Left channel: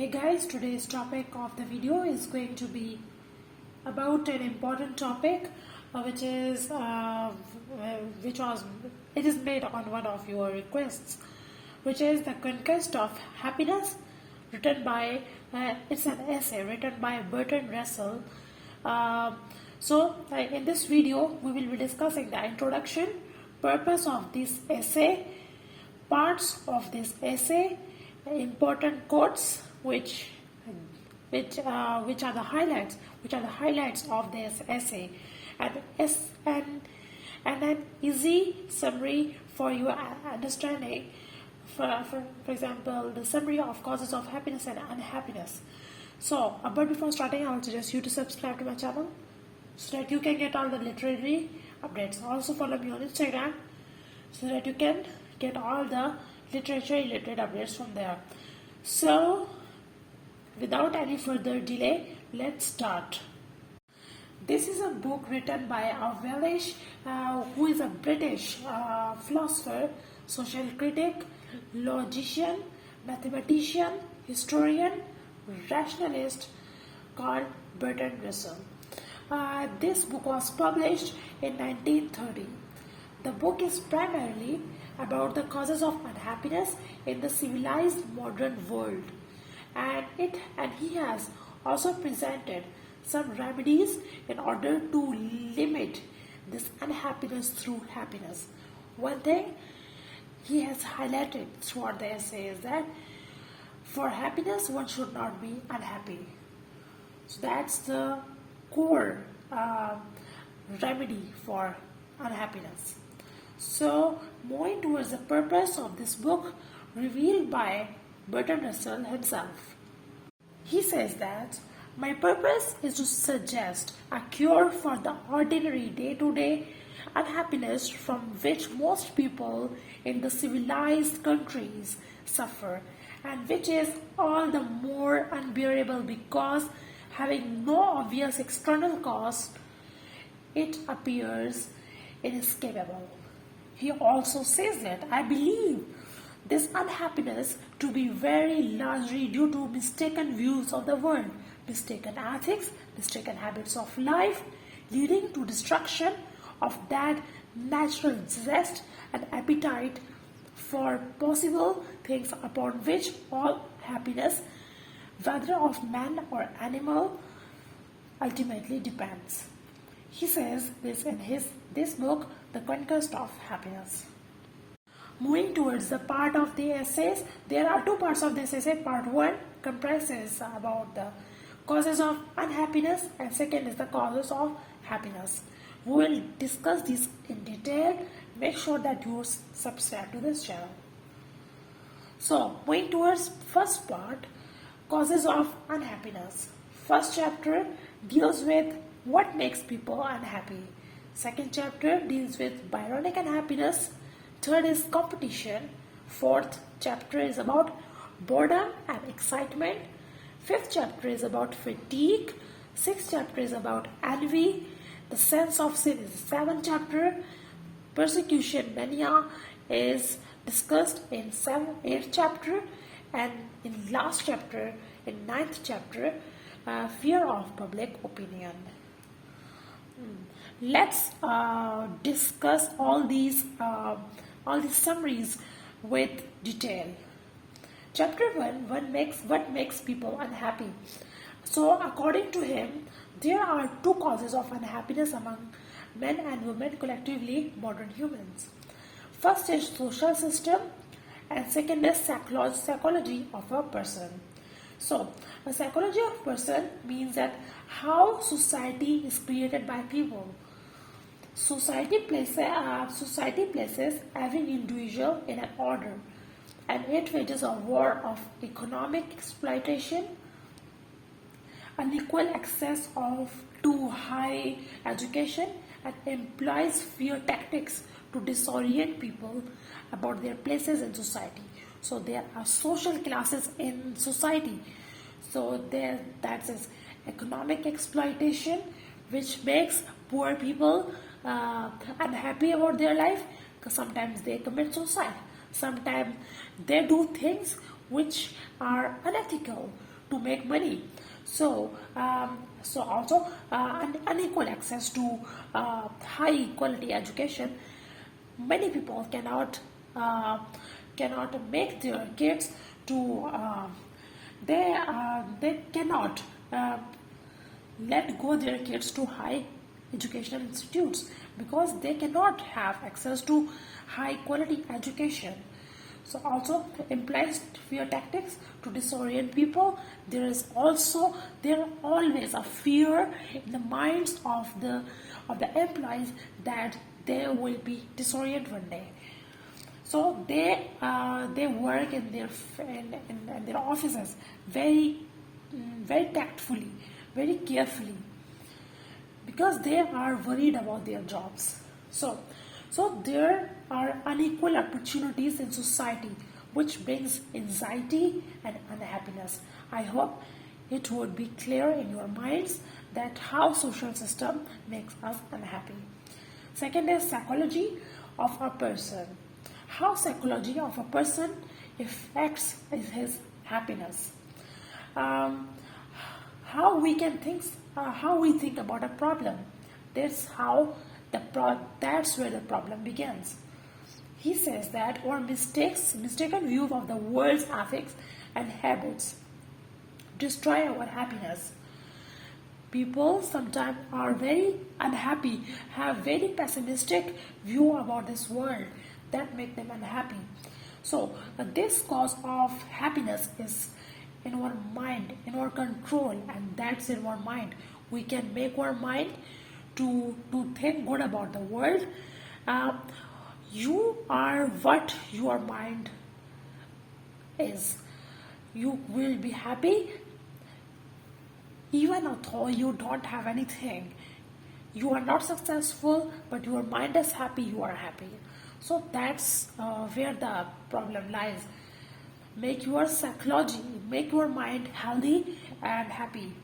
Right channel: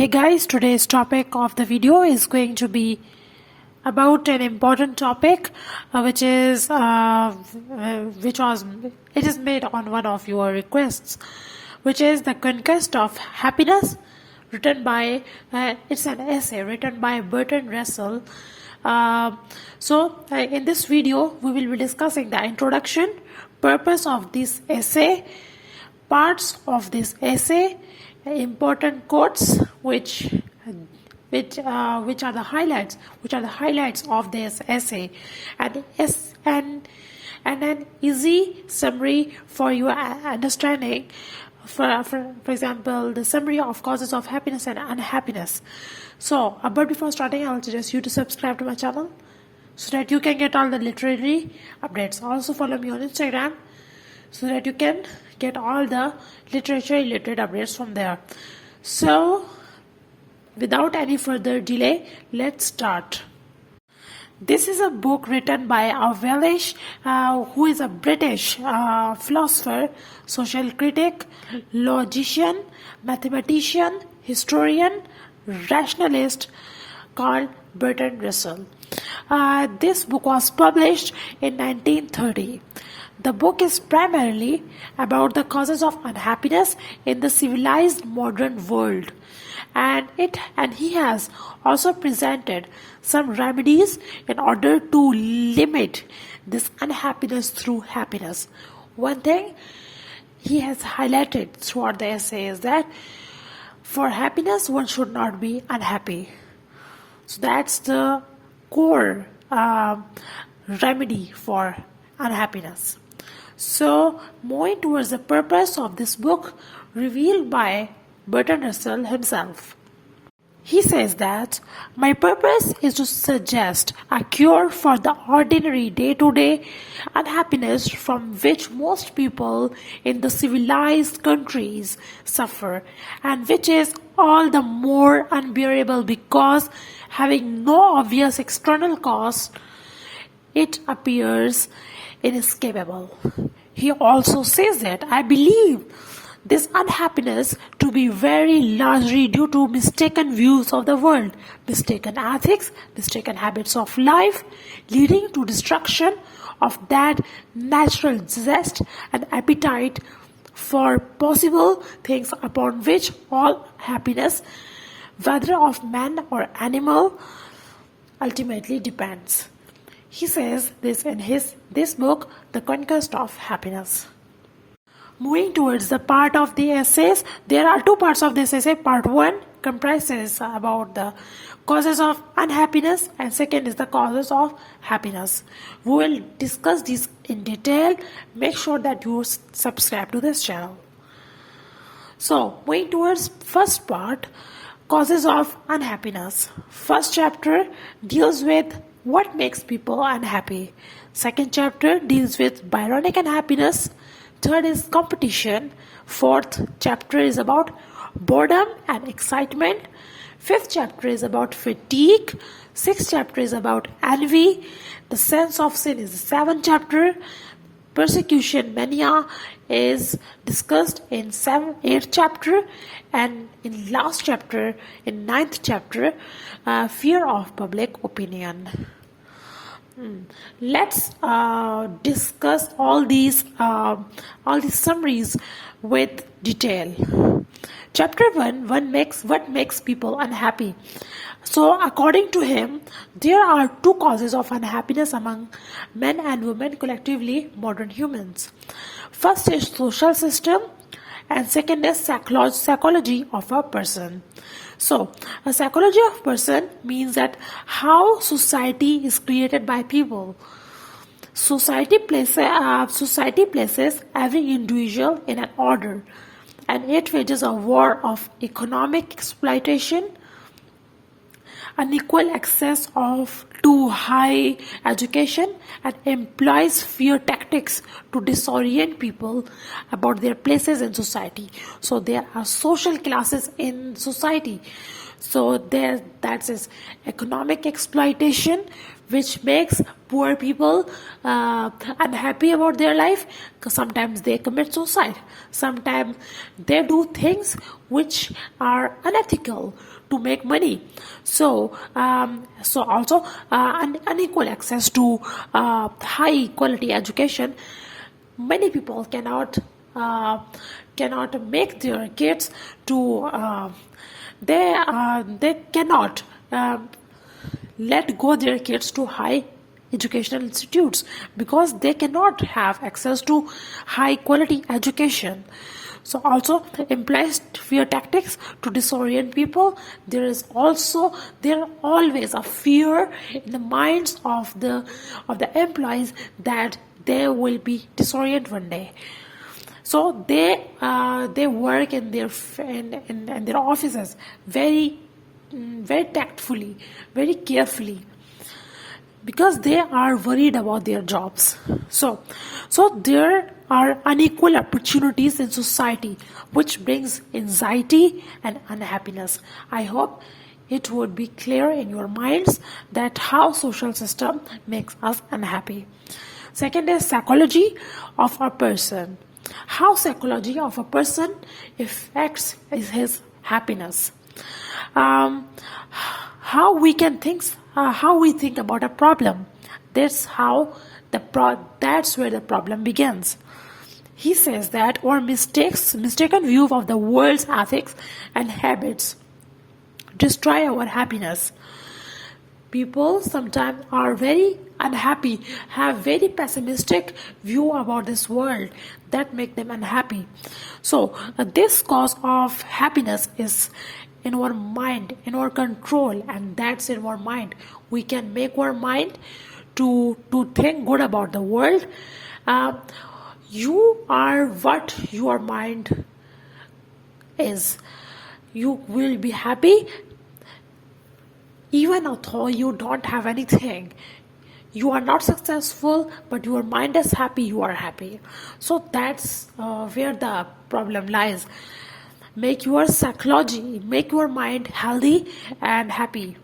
Hey guys, today's topic of the video is going to be about an important topic which is made on one of your requests, which is the Conquest of Happiness, written by it's an essay written by Bertrand Russell. In this video we will be discussing the introduction, purpose of this essay, parts of this essay, important quotes which are the highlights of this essay, and an easy summary for your understanding. For example, the summary of causes of happiness and unhappiness. But before starting, I will suggest you to subscribe to my channel so that you can get all the literary updates. Also follow me on Instagram so that you can get all the literature related updates from there. So without any further delay, let's start. This is a book written by a Welsh, who is a British philosopher, social critic, logician, mathematician, historian, rationalist, called Bertrand Russell. This book was published in 1930. The book is primarily about the causes of unhappiness in the civilized modern world, and he has also presented some remedies in order to limit this unhappiness through happiness. One thing he has highlighted throughout the essay is that for happiness one should not be unhappy. So that's the core remedy for unhappiness. So, moving towards the purpose of this book revealed by Bertrand Russell himself. He says that my purpose is to suggest a cure for the ordinary day-to-day unhappiness from which most people in the civilized countries suffer, and which is all the more unbearable because, having no obvious external cause, it appears inescapable. He also says that I believe this unhappiness to be very largely due to mistaken views of the world, mistaken ethics, mistaken habits of life, leading to destruction of that natural zest and appetite for possible things upon which all happiness, whether of man or animal, ultimately depends. He says this in this book, The Conquest of Happiness. Moving towards the part of the essays, there are two parts of this essay. Part 1 comprises about the causes of unhappiness, and second is the causes of happiness. We will discuss these in detail. Make sure that you subscribe to this channel. So, moving towards first part, causes of unhappiness. First chapter deals with what makes people unhappy. Second chapter deals with Byronic unhappiness. Third is competition. Fourth chapter is about boredom and excitement. Fifth chapter is about fatigue. Sixth chapter is about envy. The sense of sin is the seventh chapter. Persecution, mania, is discussed in eighth chapter, and in last chapter, in ninth chapter, fear of public opinion. Let's discuss all these summaries with detail. Chapter 1, what makes people unhappy. So according to him, there are two causes of unhappiness among men and women, collectively modern humans. First is social system, and second is psychology of a person. So, a psychology of person means that how society is created by people. Society places every individual in an order, and it wages a war of economic exploitation, unequal access to high education, and employs fear tactics to disorient people about their places in society. So there are social classes in society. So that is economic exploitation, which makes poor people unhappy about their life. 'Cause sometimes they commit suicide, sometimes they do things which are unethical to make money. So also unequal access to high quality education. Many people cannot make their kids to they cannot let go their kids to high educational institutes because they cannot have access to high quality education. So also implies fear tactics to disorient people. There always a fear in the minds of the employees that they will be disorient one day. So they work in their offices very tactfully, very carefully, because they are worried about their jobs. So there are unequal opportunities in society, which brings anxiety and unhappiness. I hope it would be clear in your minds that how social system makes us unhappy. Second is psychology of a person. How psychology of a person affects his happiness. Um, how we think about a problem. That's where the problem begins. He says that our mistaken view of the world's ethics and habits destroy our happiness. People sometimes are very unhappy, have very pessimistic view about this world that make them unhappy. So this cause of happiness is in our mind, in our control, and that's in our mind. We can make our mind to think good about the world. Uh, you are what your mind is. You will be happy even although you don't have anything. You are not successful, but your mind is happy, you are happy. So that's where the problem lies. Make your psychology, make your mind healthy and happy.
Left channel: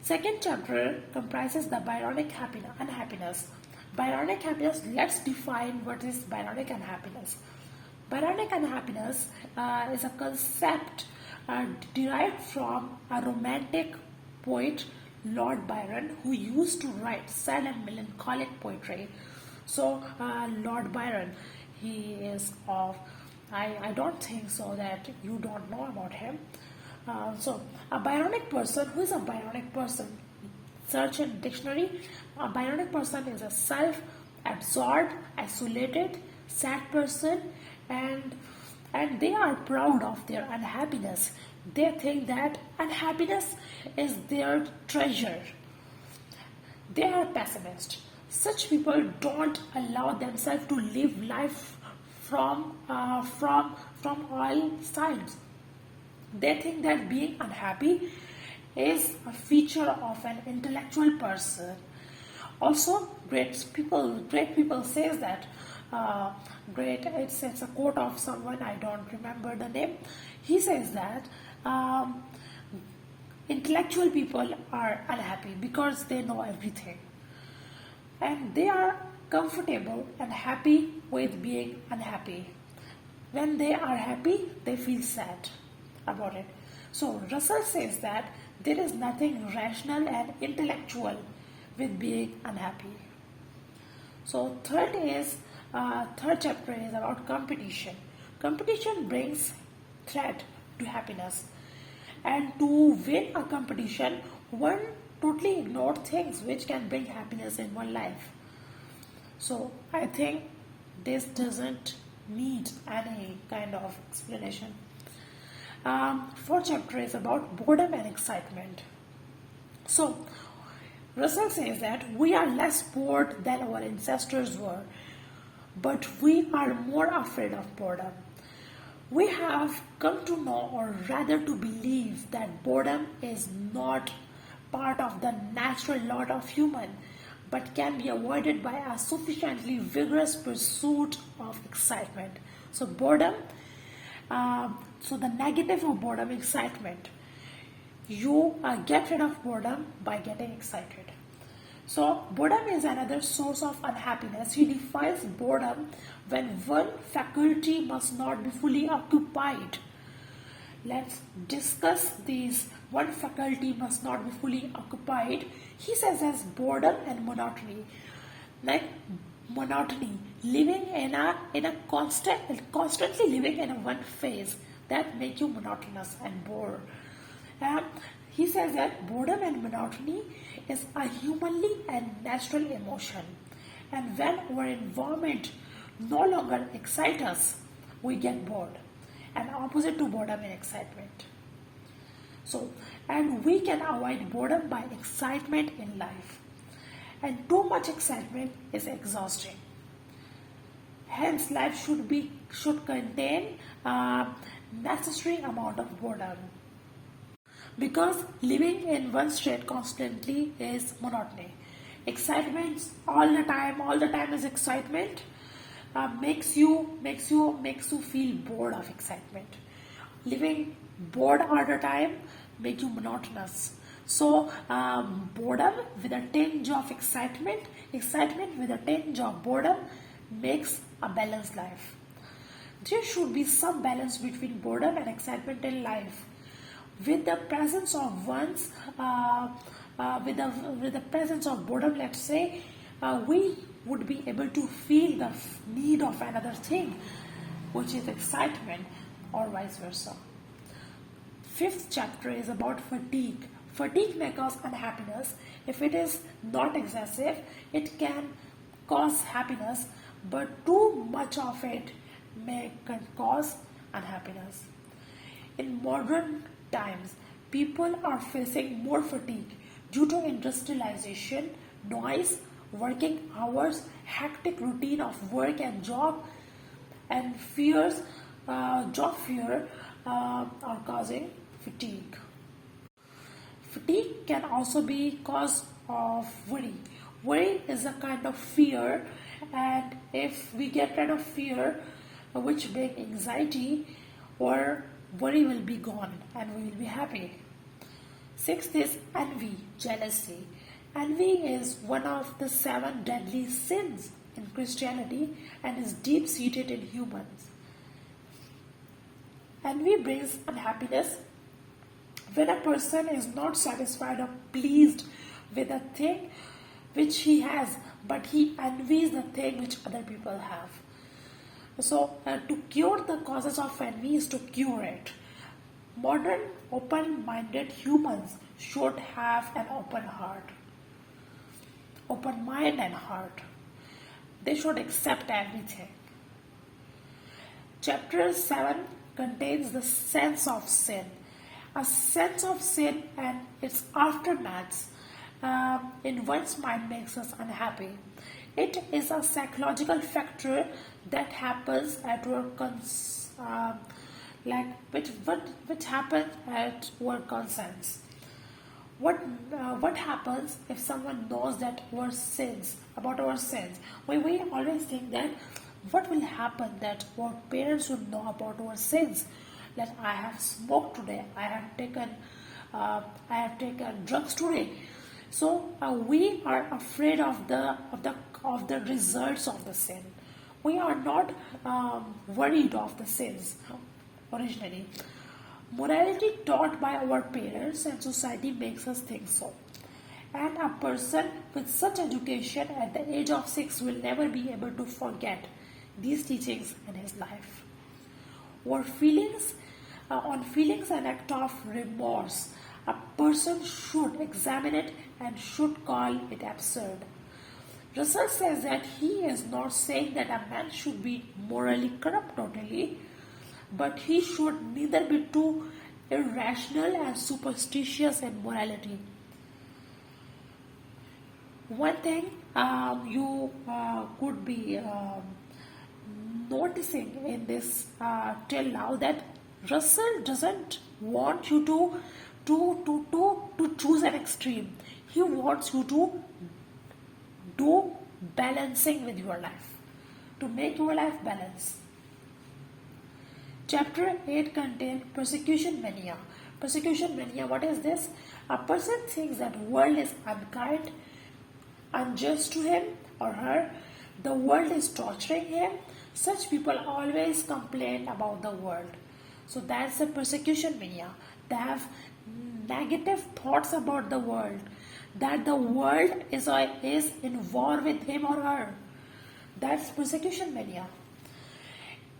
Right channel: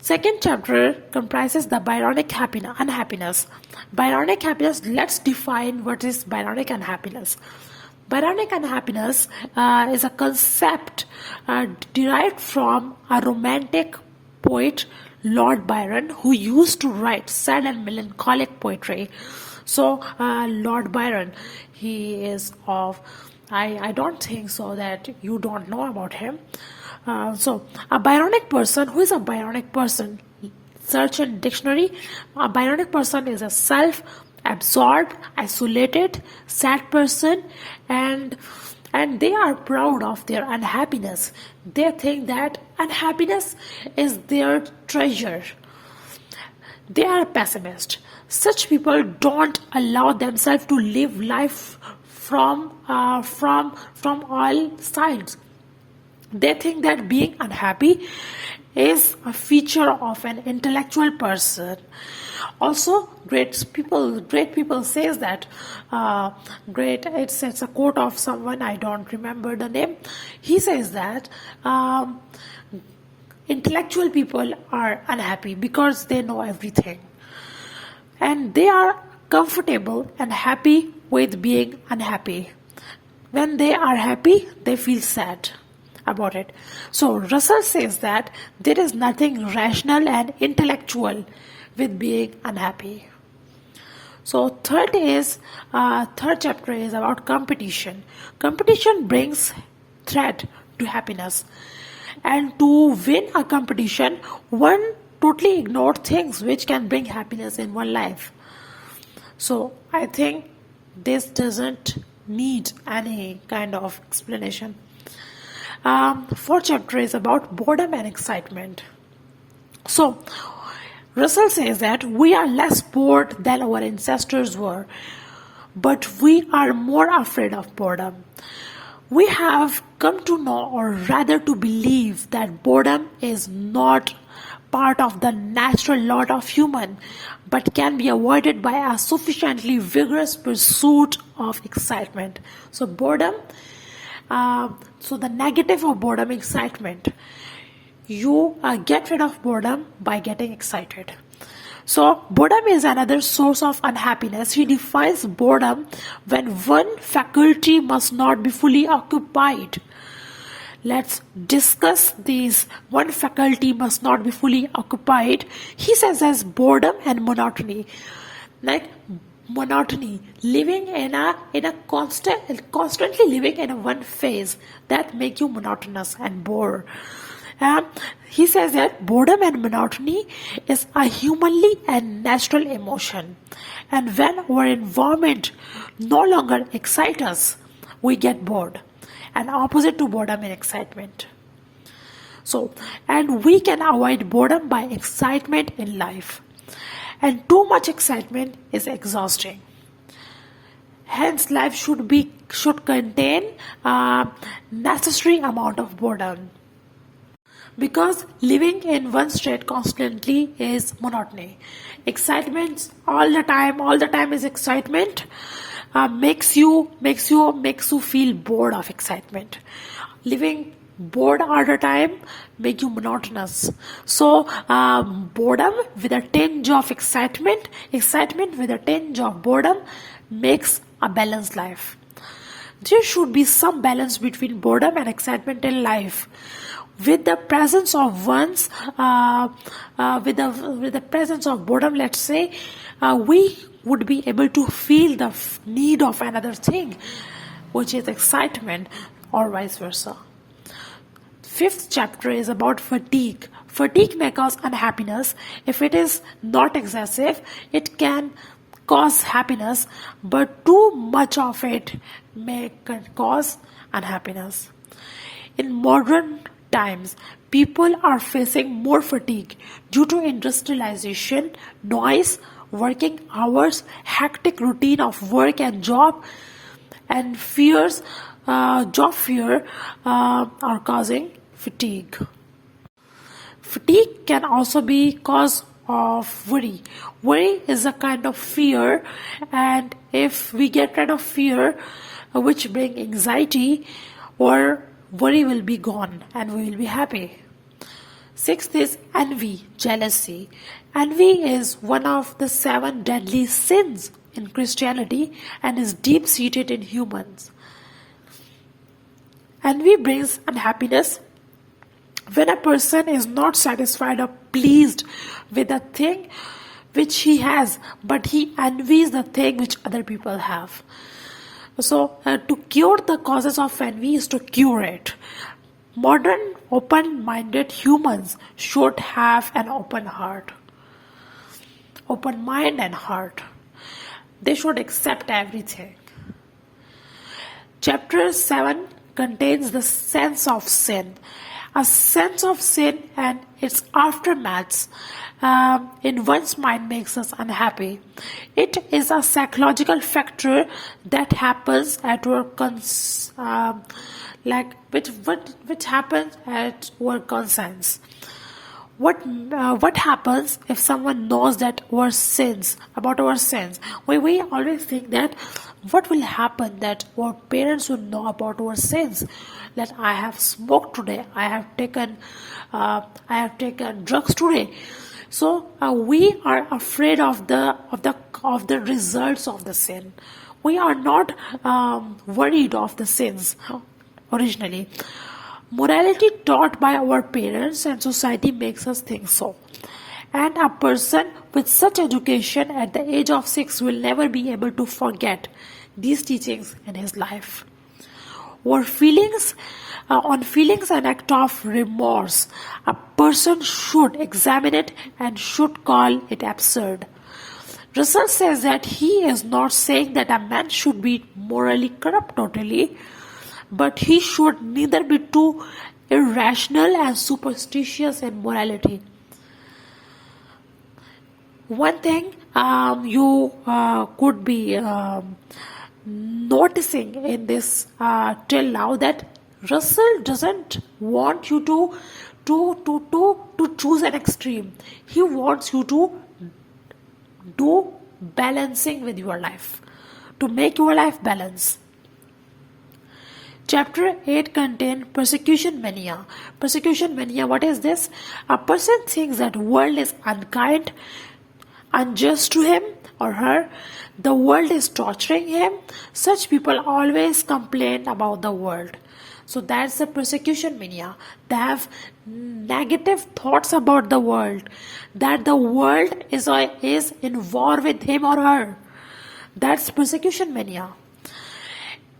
Second chapter comprises the Byronic unhappiness. Byronic happiness, let's define what is Byronic unhappiness. Byronic unhappiness is a concept derived from a romantic poet, Lord Byron, who used to write sad and melancholic poetry. So, Lord Byron, he is of, I don't think so that you don't know about him. So, a Byronic person, who is a Byronic person? Search in dictionary. A Byronic person is a self-absorbed, isolated, sad person, and they are proud of their unhappiness. They think that unhappiness is their treasure. They are pessimist. Such people don't allow themselves to live life from all sides. They think that being unhappy is a feature of an intellectual person. Also, great people says that great. It's a quote of someone, I don't remember the name. He says that intellectual people are unhappy because they know everything, and they are comfortable and happy with being unhappy. When they are happy, they feel sad about it. So Russell says that there is nothing rational and intellectual with being unhappy. So third chapter is about competition. Competition brings threat to happiness, and to win a competition, one totally ignores things which can bring happiness in one life. So I think this doesn't need any kind of explanation. Fourth chapter is about boredom and excitement. So Russell says that we are less bored than our ancestors were, but we are more afraid of boredom. We have come to know, or rather to believe, that boredom is not part of the natural lot of human, but can be avoided by a sufficiently vigorous pursuit of excitement. So boredom, so the negative of boredom, excitement. You get rid of boredom by getting excited. So, boredom is another source of unhappiness. He defines boredom when one faculty must not be fully occupied. Let's discuss these. One faculty must not be fully occupied. He says as boredom and monotony. Like monotony, living in a constantly living in a one phase that make you monotonous and bore. He says that boredom and monotony is a humanly and natural emotion, and when our environment no longer excites us, we get bored, and opposite to boredom and excitement. So, and we can avoid boredom by excitement in life, and too much excitement is exhausting. Hence, life should contain a necessary amount of boredom, because living in one state constantly is monotony. Excitement all the time is excitement. Makes you feel bored of excitement. Living bored all the time make you monotonous. So boredom with a tinge of excitement with a tinge of boredom makes a balanced life. There should be some balance between boredom and excitement in life. With the presence of with the presence of boredom, let's say, we would be able to feel the need of another thing, which is excitement, or vice versa. Fifth chapter is about fatigue. Fatigue may cause unhappiness. If it is not excessive, it can cause happiness, but too much of it may cause unhappiness. In modern times, people are facing more fatigue due to industrialization, noise, working hours, hectic routine of work and job, and job fear are causing fatigue. Fatigue can also be cause of worry. Worry is a kind of fear, and if we get rid of fear, which bring anxiety, or worry will be gone and we will be happy. Sixth is envy, jealousy. Envy is one of the 7 deadly sins in Christianity and is deep-seated in humans. Envy brings unhappiness when a person is not satisfied or pleased with the thing which he has, but he envies the thing which other people have. So, to cure the causes of envy is to cure it. Modern, open-minded humans should have an open heart, open mind and heart. They should accept everything. Chapter 7 contains the sense of sin. A sense of sin and its aftermaths in one's mind makes us unhappy. It is a psychological factor that happens at our which happens at our conscience. What happens if someone knows that about our sins? We always think that what will happen that our parents will know about our sins. That I have smoked today, I have taken drugs today. So we are afraid of the results of the sin. We are not worried of the sins originally. Morality taught by our parents and society makes us think so. And a person with such education at the age of 6 will never be able to forget these teachings in his life. Or feelings and act of remorse, a person should examine it and should call it absurd. Russell says that he is not saying that a man should be morally corrupt totally, but he should neither be too irrational and superstitious in morality. One thing you could be noticing in this till now, that Russell doesn't want you to choose an extreme. He wants you to do balancing with your life, to make your life balance. Chapter 8 contains persecution mania. Persecution mania, what is this? A person thinks that world is unkind unjust to him or her, the world is torturing him. Such people always complain about the world. So that's the persecution mania. They have negative thoughts about the world, that the world is in war with him or her. That's persecution mania.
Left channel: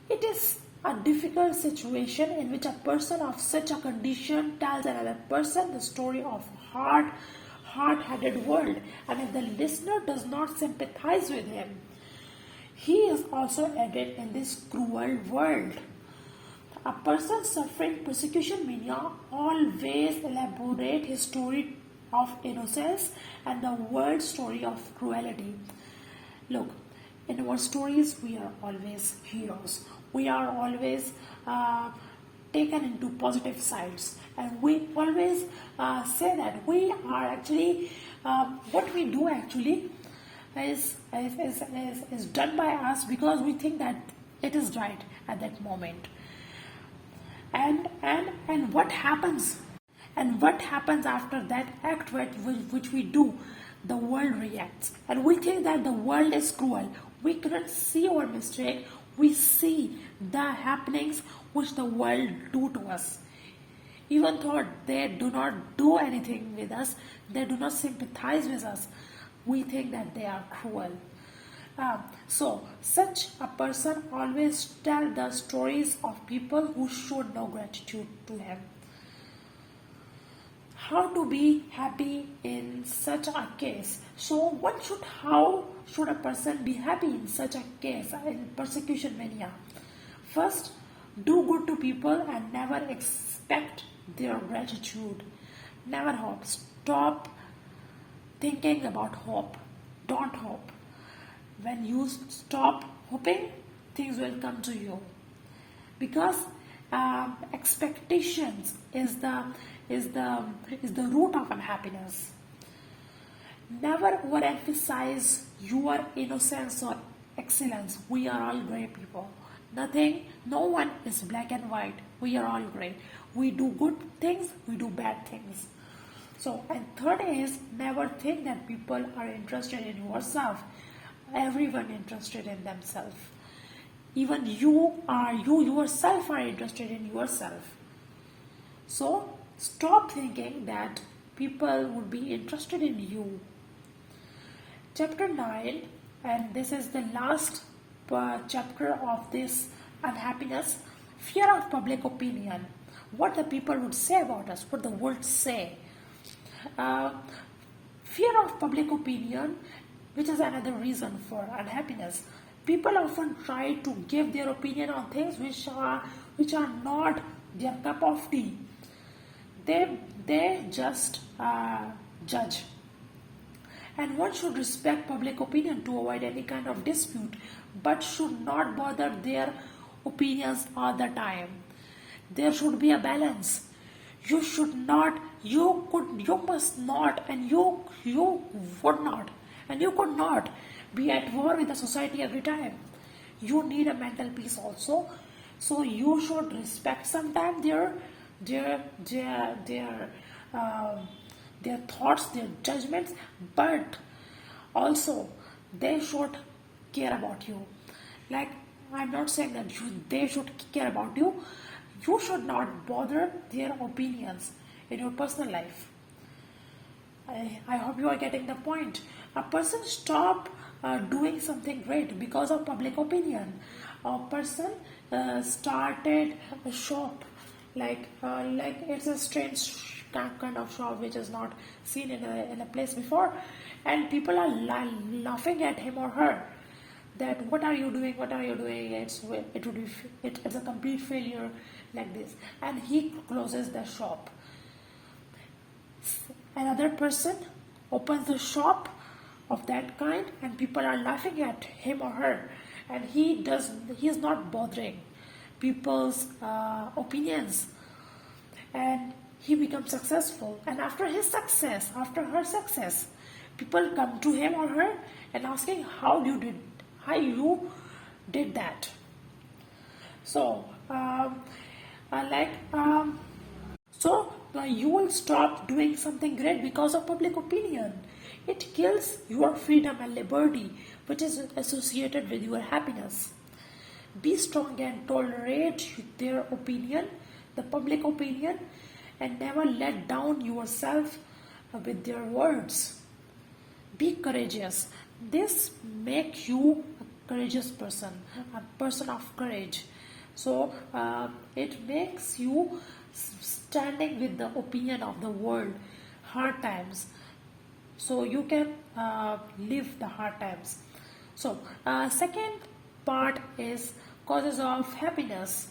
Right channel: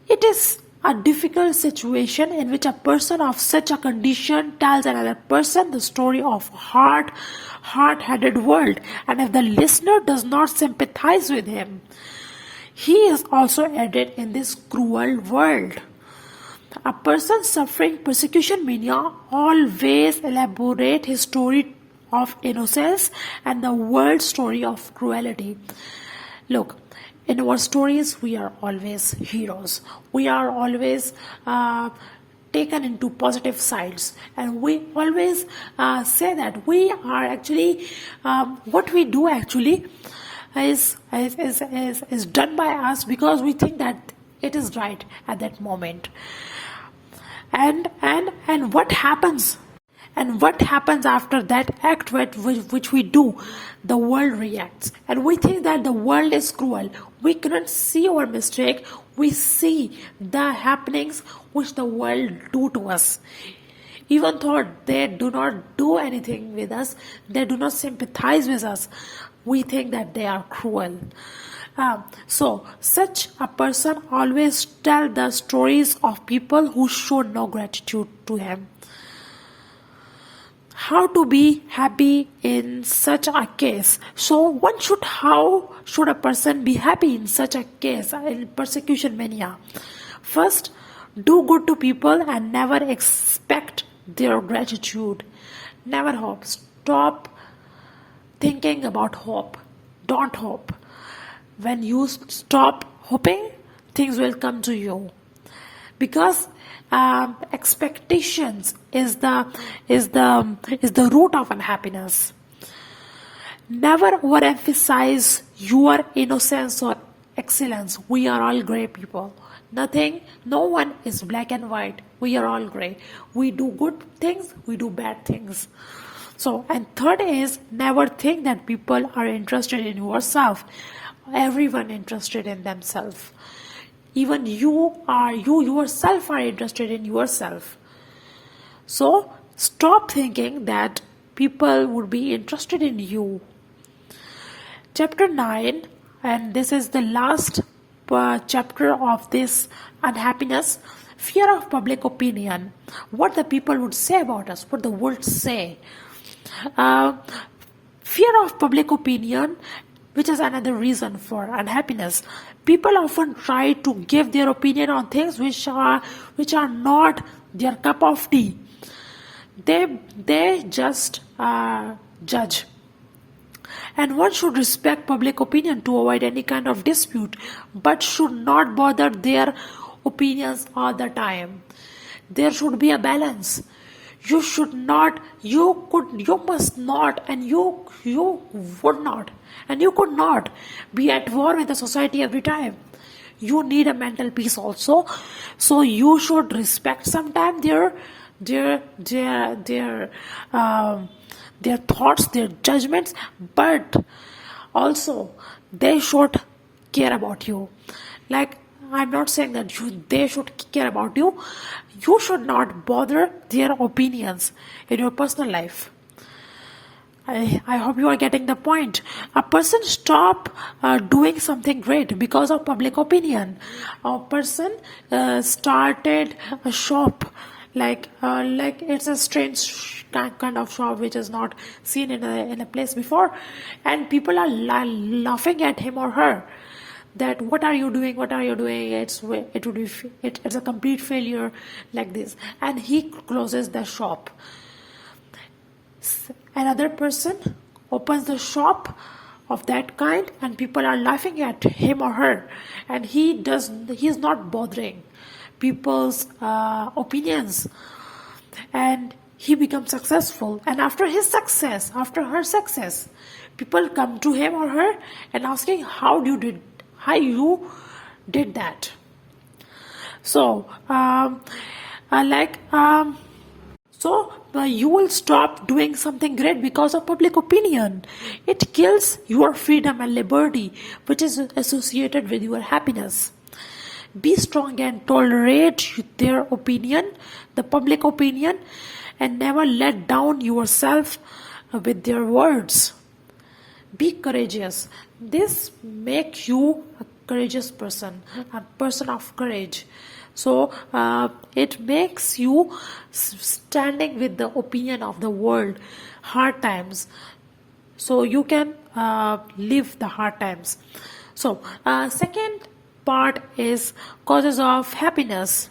It is a difficult situation in which a person of such a condition tells another person the story of hard-headed world, and if the listener does not sympathize with him, he is also added in this cruel world. A person suffering persecution mania always elaborate his story of innocence and the world's story of cruelty. Look, in our stories, we are always heroes. We are always taken into positive sides, and we always say that we are actually what we do actually is done by us because we think that it is right at that moment. And what happens? And what happens after that act which we do? The world reacts. And we think that the world is cruel. We cannot see our mistake. We see the happenings which the world do to us. Even though they do not do anything with us, they do not sympathize with us, we think that they are cruel. So such a person always tell the stories of people who showed no gratitude to him. How to be happy in such a case? So how should a person be happy in such a case, in persecution mania? First, do good to people and never expect their gratitude. Never hope. Stop thinking about hope. Don't hope. When you stop hoping, things will come to you. Because expectations is the root of unhappiness. Never overemphasize your innocence or excellence. We are all gray people. No one is black and white. We are all gray. We do good things, we do bad things. So, and third is, never think that people are interested in yourself. Everyone interested in themselves. Even you yourself are interested in yourself. So stop thinking that people would be interested in you. Chapter 9, and this is the last chapter of this unhappiness. Fear of public opinion. What the people would say about us, what the world say. Fear of public opinion, which is another reason for unhappiness. People often try to give their opinion on things which are not their cup of tea. They just judge. And one should respect public opinion to avoid any kind of dispute, but should not bother their opinions all the time. There should be a balance. You should not, you must not, and you would not, and you could not be at war with the society every time. You need a mental peace also. So you should respect sometimes their thoughts, their judgments, but also they should care about you. Like, I'm not saying that they should care about you. You should not bother their opinions in your personal life. I hope you are getting the point. A person stop doing something great because of public opinion. A person started a shop like it's a strange kind of shop which is not seen in a place before, and people are laughing at him or her. That what are you doing? It's a complete failure, like this, and he closes the shop. Another person opens the shop of that kind, and people are laughing at him or her, and he is not bothering people's opinions, and he becomes successful. And after her success, people come to him or her and asking how you did that. So So you will stop doing something great because of public opinion. It kills your freedom and liberty, which is associated with your happiness. Be strong and tolerate their opinion, the public opinion, and never let down yourself with their words. Be courageous. This makes you a courageous person, a person of courage. So it makes you standing with the opinion of the world, hard times. So you can live the hard times. So second part is causes of happiness.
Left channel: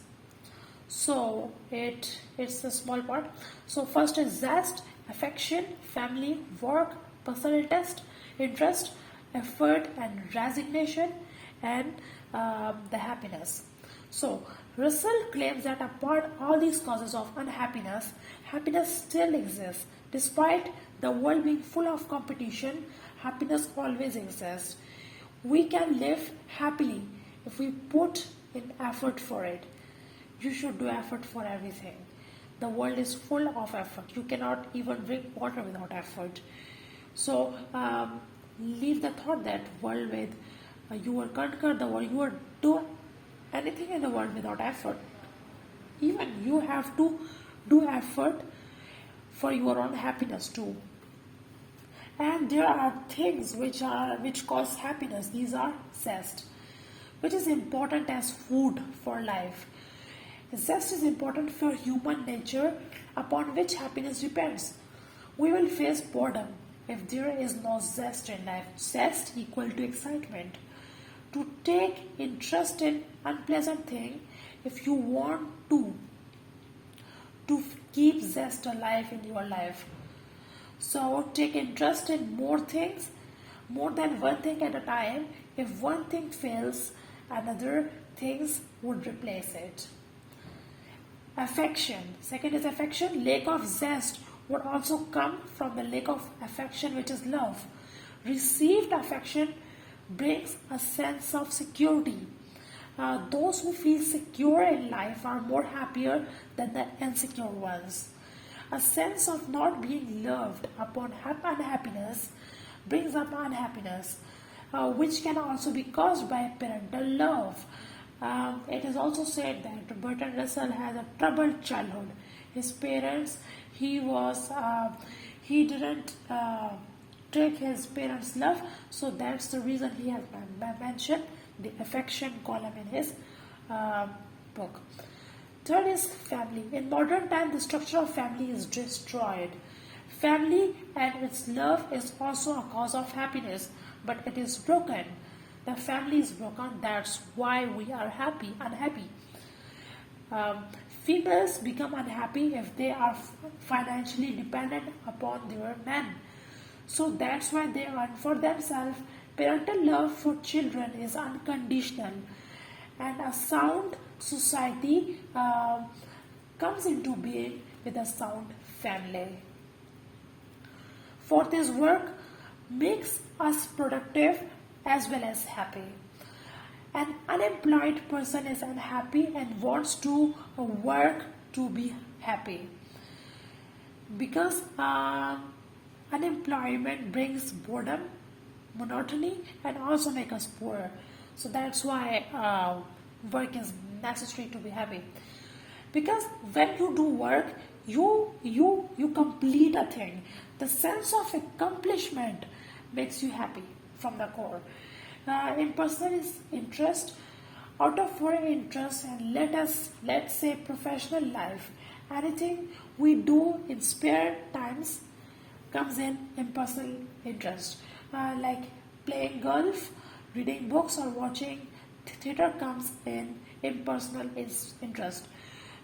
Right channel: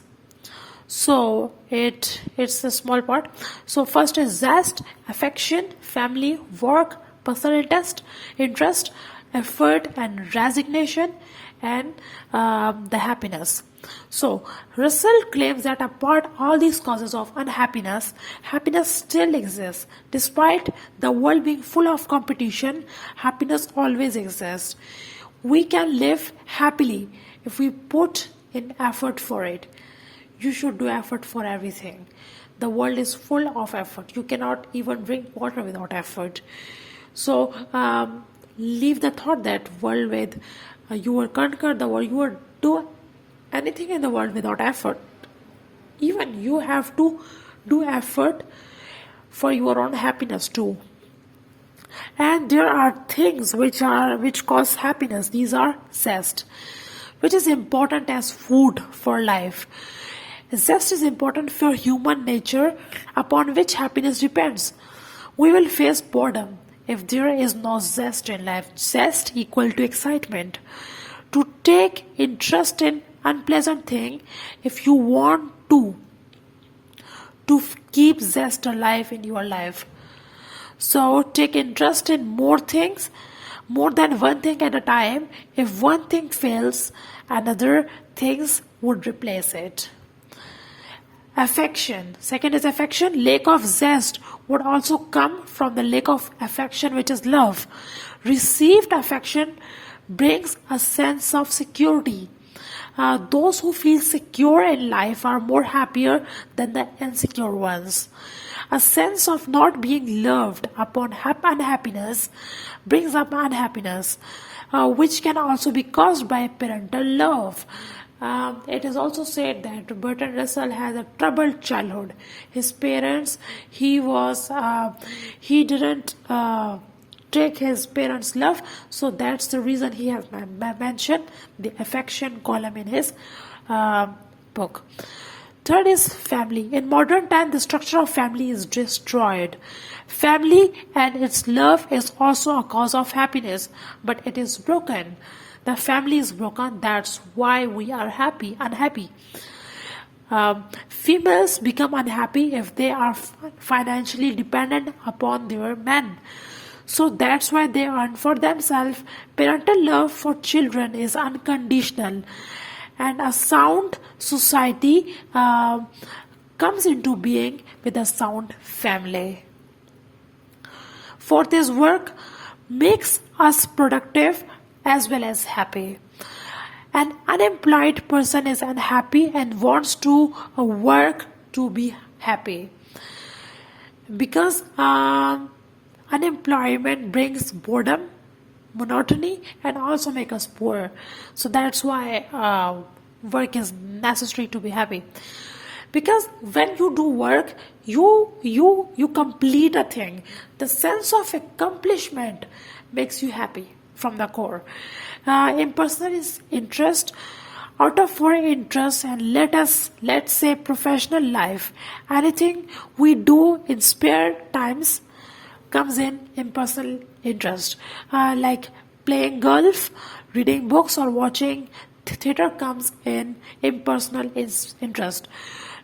So it's a small part. So first is zest, affection, family, work, personal interest, effort, and resignation, and the happiness. So Russell claims that apart all these causes of unhappiness, happiness still exists. Despite the world being full of competition, happiness always exists. We can live happily if we put in effort for it. You should do effort for everything. The world is full of effort. You cannot even drink water without effort. So leave the thought that world with you will conquer the world. You will do anything in the world without effort. Even you have to do effort for your own happiness too. And there are things which cause happiness. These are zest, which is important as food for life. Zest is important for human nature upon which happiness depends. We will face boredom if there is no zest in life. Zest equal to excitement. To take interest in unpleasant thing if you want to keep zest alive in your life. So take interest in more things, more than one thing at a time. If one thing fails, another things would replace it. Affection. Second is affection. Lack of zest would also come from the lack of affection, which is love. Received affection brings a sense of security. Those who feel secure in life are more happier than the insecure ones. A sense of not being loved upon unhappiness brings up unhappiness, which can also be caused by parental love. It is also said that Bertrand Russell has a troubled childhood. His parents, he didn't take his parents' love, so that's the reason he has mentioned the affection column in his book. Third is family. In modern time, the structure of family is destroyed. Family and its love is also a cause of happiness, but it is broken. The family is broken. That's why we are unhappy. Females become unhappy if they are financially dependent upon their men. So that's why they earn for themselves. Parental love for children is unconditional, and a sound society comes into being with a sound family. Fourth is work makes us productive as well as happy. An unemployed person is unhappy and wants to work to be happy because unemployment brings boredom, monotony, and also make us poor. So that's why work is necessary to be happy. Because when you do work, you complete a thing. The sense of accomplishment makes you happy from the core. Impersonal is interest. Out of our interest and let's say professional life, anything we do in spare times comes in impersonal interest. Like playing golf, reading books, or watching theater comes in impersonal interest.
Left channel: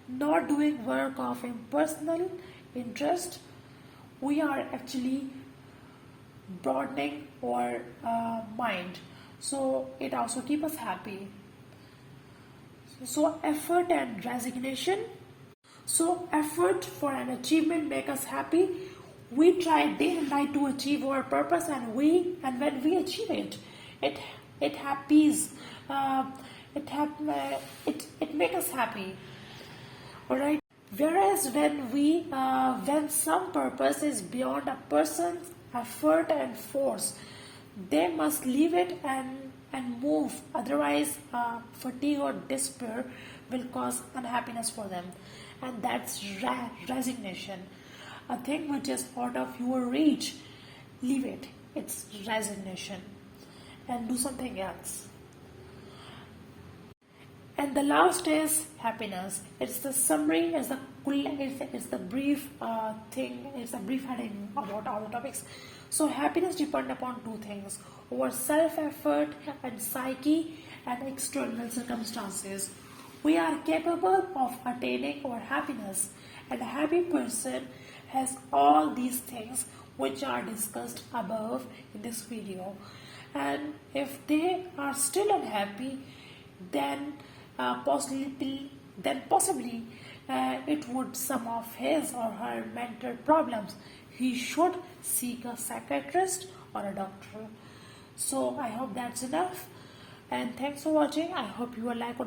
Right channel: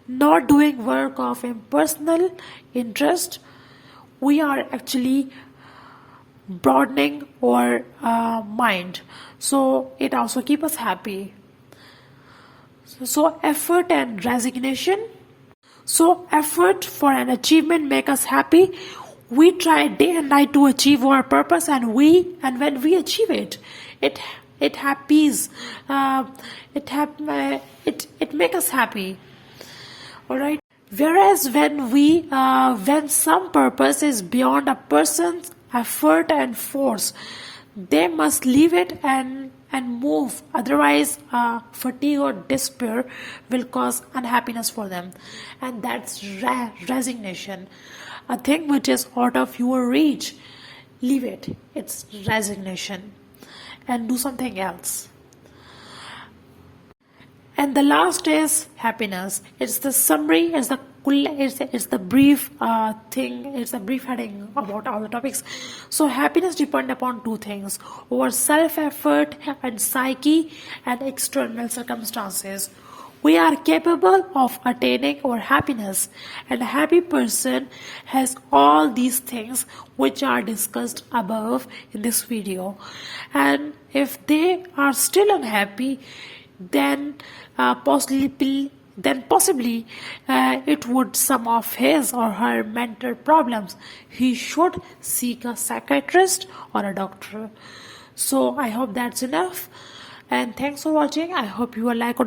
Not doing work of impersonal interest, we are actually broadening our mind. So it also keeps us happy. So effort and resignation. So effort for an achievement make us happy. We try day and night to achieve our purpose, and when we achieve it, it happies. It make us happy. All right. Whereas when some purpose is beyond a person's effort and force, they must leave it and move. Otherwise, fatigue or despair will cause unhappiness for them, and that's resignation, a thing which is out of your reach. Leave it. It's resignation, and do something else. And the last is happiness. It's the summary, it's the brief thing, it's the brief heading about all the topics. So happiness depends upon two things: our self-effort and psyche and external circumstances. We are capable of attaining our happiness, and a happy person has all these things which are discussed above in this video. And if they are still unhappy, then possibly it would some of his or her mental problems. He should seek a psychiatrist or a doctor. So I hope that's enough, and thanks for watching. I hope you will like